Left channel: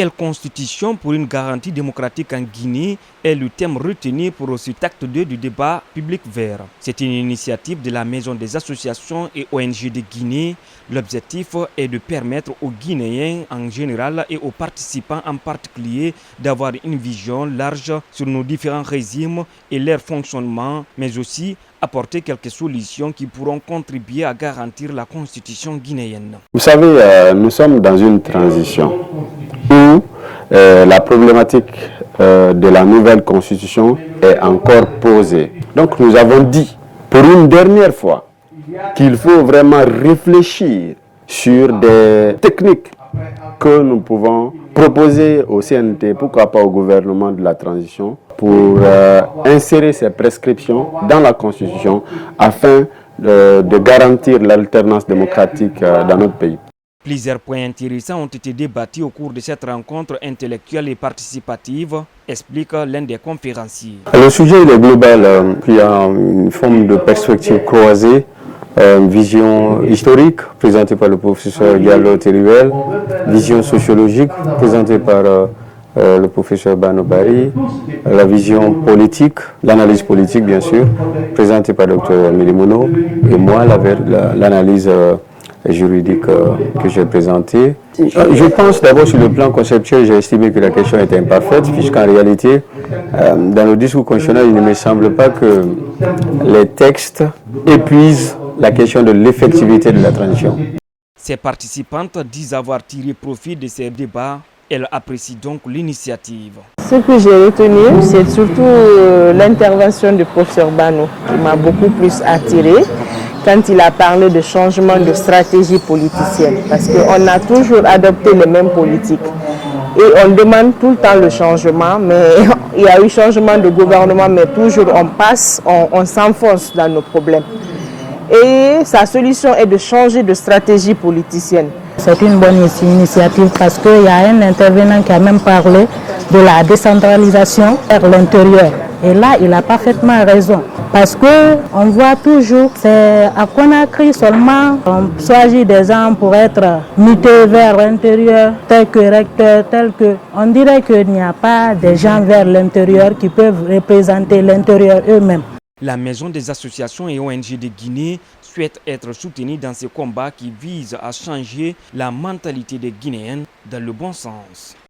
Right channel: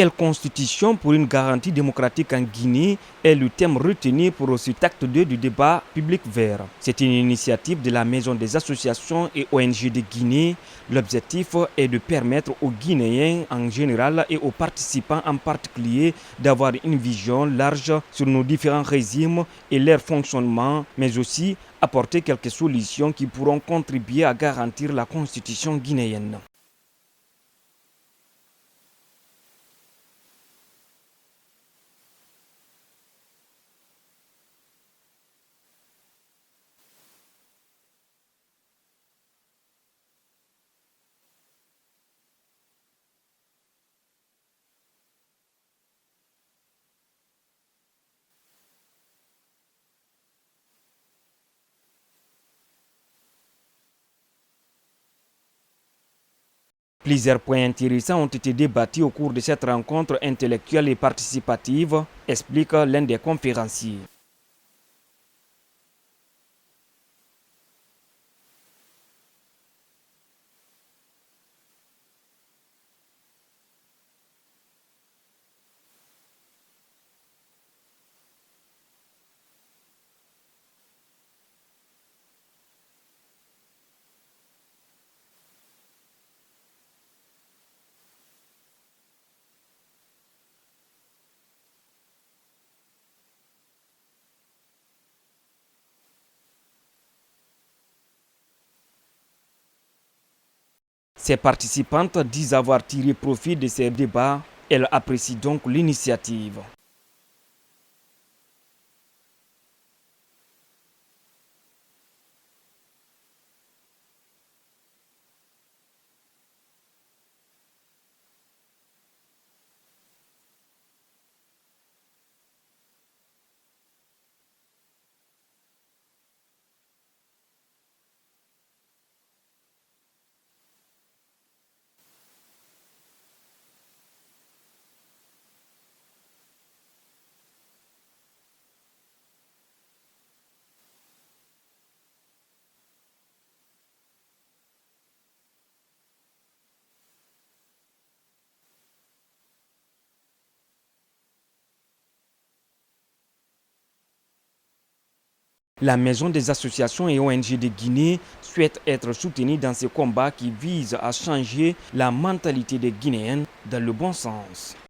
Quelle constitution pour une garantie démocratique en Guinée est le thème retenu pour cet acte 2 du débat public vert. C'est une initiative de la Maison des associations et ONG de Guinée. L'objectif est de permettre aux Guinéens en général et aux participants en particulier d'avoir une vision large sur nos différents régimes et leur fonctionnement, mais aussi apporter quelques solutions qui pourront contribuer à garantir la constitution guinéenne. Vous savez, nous sommes dans une transition où la problématique de la nouvelle constitution est encore posée. Donc nous avons dit pour une dernière fois qu'il faut vraiment réfléchir sur des techniques que nous pouvons proposer au CNT, pourquoi pas au gouvernement de la transition, pour insérer ces prescriptions dans la Constitution afin de garantir l'alternance démocratique dans notre pays. Plusieurs points intéressants ont été débattus au cours de cette rencontre intellectuelle et participative, explique l'un des conférenciers. Le sujet est global, il y a une forme de perspective croisée, une vision historique présentée par le professeur Diallo Terrivel, vision sociologique présentée par le professeur Bano Bari, la vision politique, l'analyse politique bien sûr, présentée par le Dr Milimono, et moi l'analyse juridique que j'ai présentée. Je pense d'abord sur le plan conceptuel, j'ai estimé que la question était imparfaite, puisqu'en réalité, dans le discours constitutionnel, il ne me semble pas que les textes épuisent la question de l'effectivité de la transition. Ces participantes disent avoir tiré profit de ces débats. Elles apprécient donc l'initiative. Ce que j'ai retenu, c'est surtout l'intervention du professeur Bano qui m'a beaucoup plus attirée quand il a parlé de changement de stratégie politicienne. Parce qu'on a toujours adopté les mêmes politiques. Et on demande tout le temps le changement, mais il y a eu changement de gouvernement, mais toujours on s'enfonce dans nos problèmes. Et sa solution est de changer de stratégie politicienne. C'est une bonne initiative parce qu'il y a un intervenant qui a même parlé de la décentralisation vers l'intérieur. Et là, il a parfaitement raison. Parce qu'on voit toujours, c'est à Conakry seulement, on choisit des gens pour être mutés vers l'intérieur, tel que recteur, tel que... On dirait qu'il n'y a pas des gens vers l'intérieur qui peuvent représenter l'intérieur eux-mêmes. La Maison des associations et ONG de Guinée souhaite être soutenue dans ce combat qui vise à changer la mentalité des Guinéens dans le bon sens.